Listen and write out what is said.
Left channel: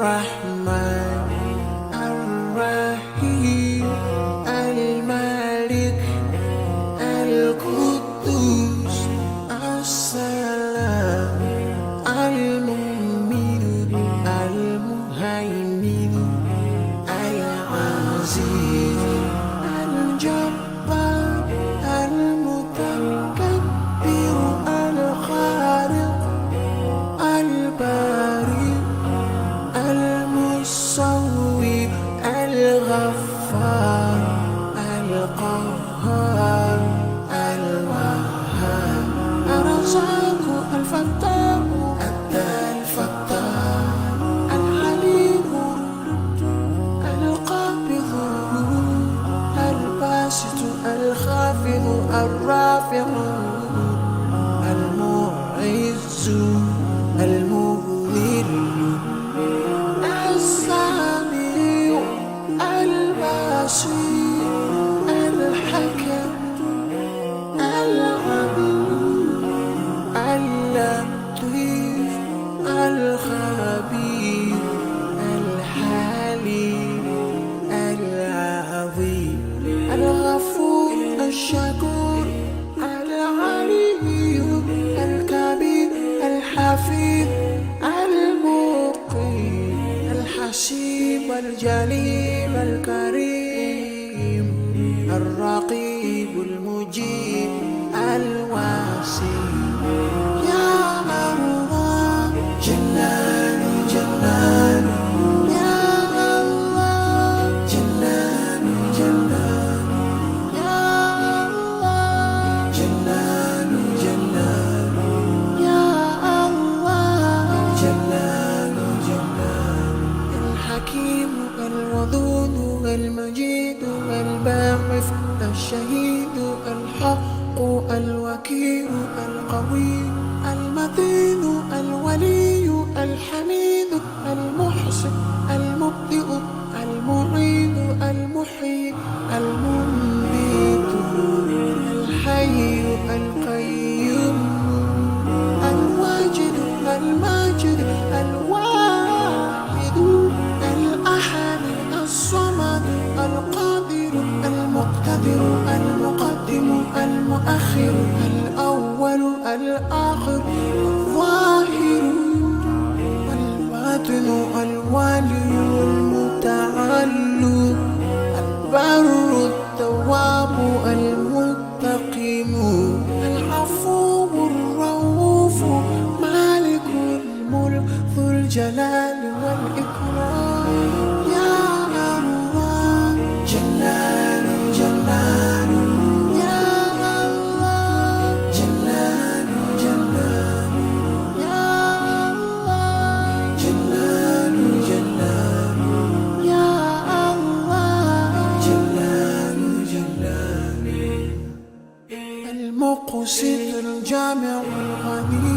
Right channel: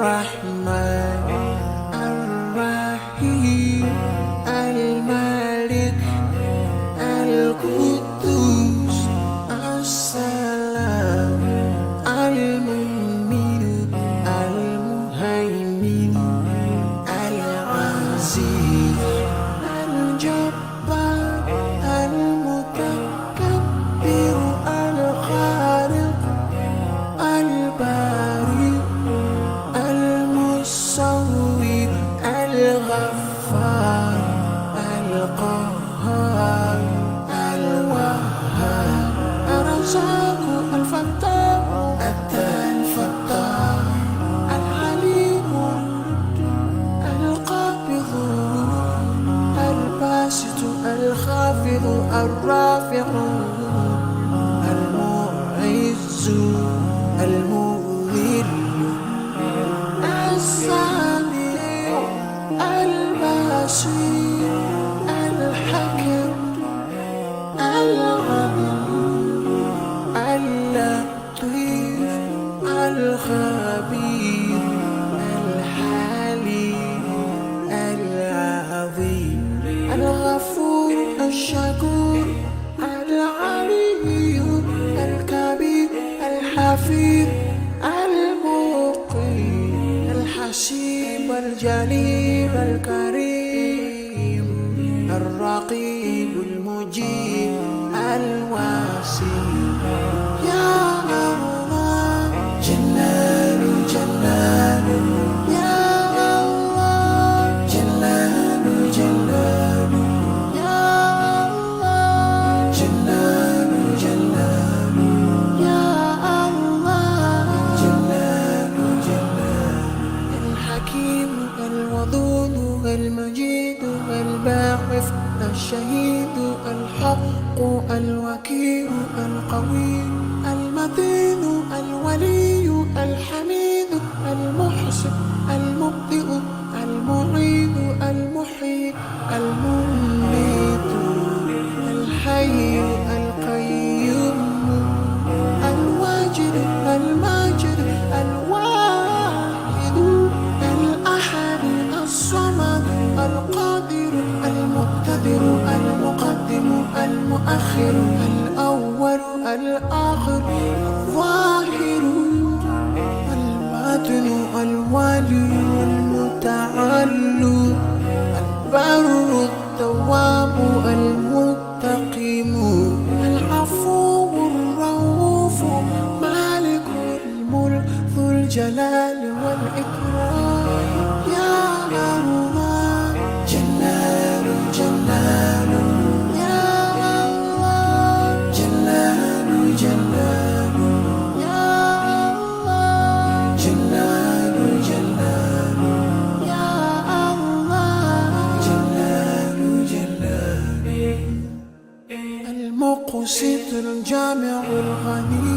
الرحمن الرحيم الملك القدوس السلام المؤمن المهيمن العزيز الجبار المتكبر الخالق البارئ المصور الغفار القهار الوهاب الرزاق الفتاح الفتاح العليم القابض الباسط الخافض الرافع المعز المذل السميع البصير الحكم العليم اللطيف الخبير الحليم العظيم الغفور الشكور العلي الكبير الحفيظ المقيم الحسيب الجليل الكريم الرقيب المجيب الواسع يا الله جلال جلال يا الله جلال جلال يا الله جلال جلال يا الله جلال جلال الحكيم الودود المجيد الباعث الشهيد الحق الوكيل القوي المتين الولي الحميد المحسن المبدئ المعيد المحيي المميت الحي القيوم الواجد الماجد الواحد الأحد الصمد القادر المقتدر المقدم المؤخر الأول الآخر الظاهر الباطن الوالي المتعال البر التواب المنتقم العفو الرؤوف مالك الملك ذو الجلال والإكرام يا الله جلال جلال يا الله جلال جلال يا الله جلال جلال يا الله جلال جلال المقسط الجامع الغني